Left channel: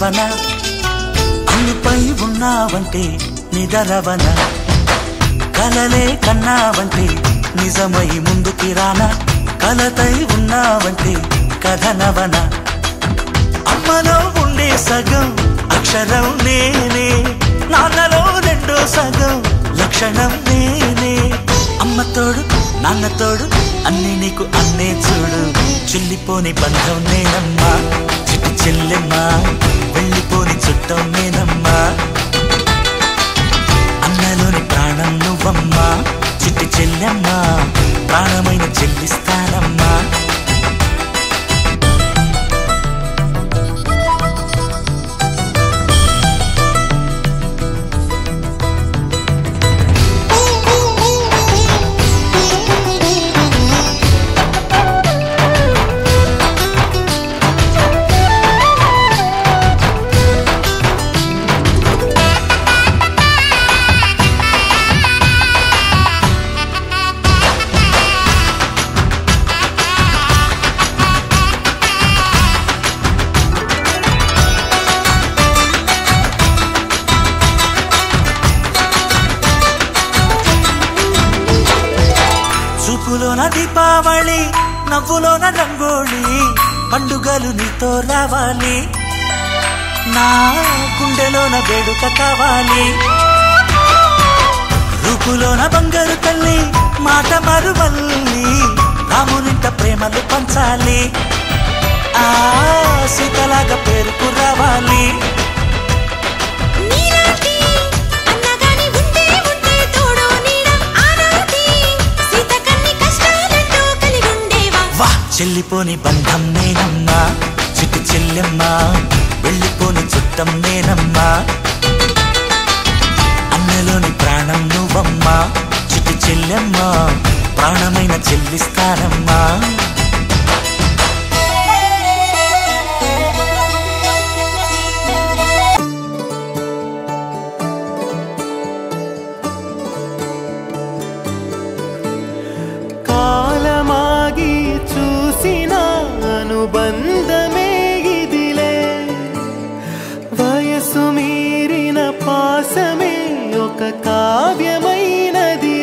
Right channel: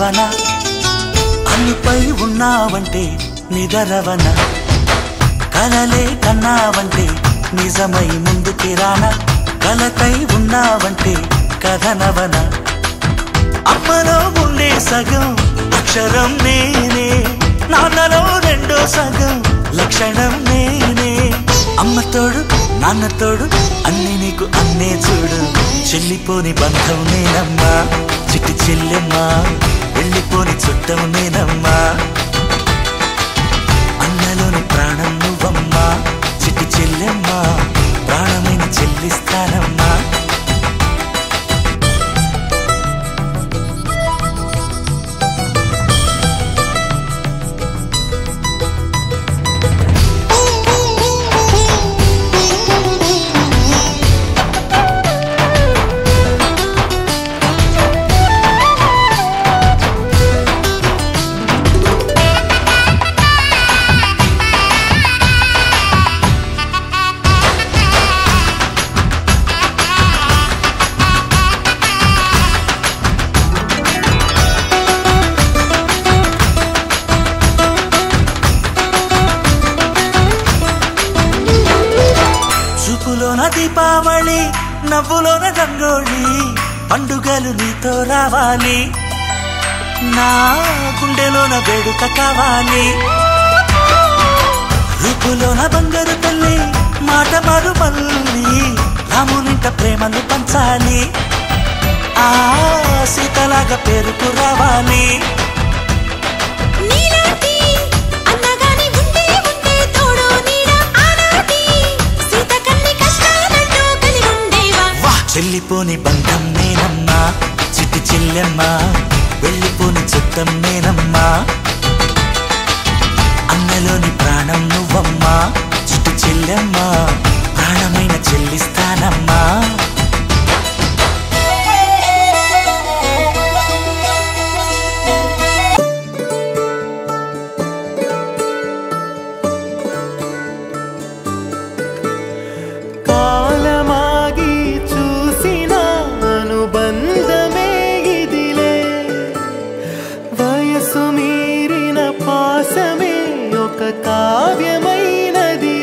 నిద్రవన అన్నిపై ఉన్నావంటే నిదరవన కలలే కన్నావంటే నిజమై ముందుకి రానా కలతై ఉన్నావంటే కథనవన అమ్మలో ఉండే సగం అక్షరం నేనే నాన్నలో రెండో సగం లక్షణం నేనే అమ్మ తోడు నాన్న తోడు అన్ని నీకు అన్నే చూడు చెల్లిపోని బంధం నేనమ్మా చిటి చెల్లెమ్మా వెళ్ళిపోని చుట్టం నేనమ్మా అన్నలోని ప్రాణం నువ్వమ్మా చిటి చెల్లెమ్మా ప్రాణమైన చెల్లిస్తానమ్మా దీపావళి నవ్వులోన రంగోళి పండుగలు నీతో రావాలి నా గుండెలోన వేడుక కావాలి రూపులోన దొంగలు తల్లి మాట పరువల్లి రామునింట ప్రేమలు పంచాలి ఆ సీతలాగా పేరుకు రావాలి వెళ్ళిపోని బంధం నేనమ్మా చిట్టి చెల్లెమ్మా వెళ్ళిపోని చుట్టం నేనమ్మా అన్నలోని ప్రాణం నువ్వమ్మా చిట్టి చెల్లెమ్మా ప్రాణమైన చెల్లిస్తానమ్మా కాలమాగి చూసిన అనుబంధమే ఇదిలే వయసు మీరిన పాసమే ఒక కావ్యమైనది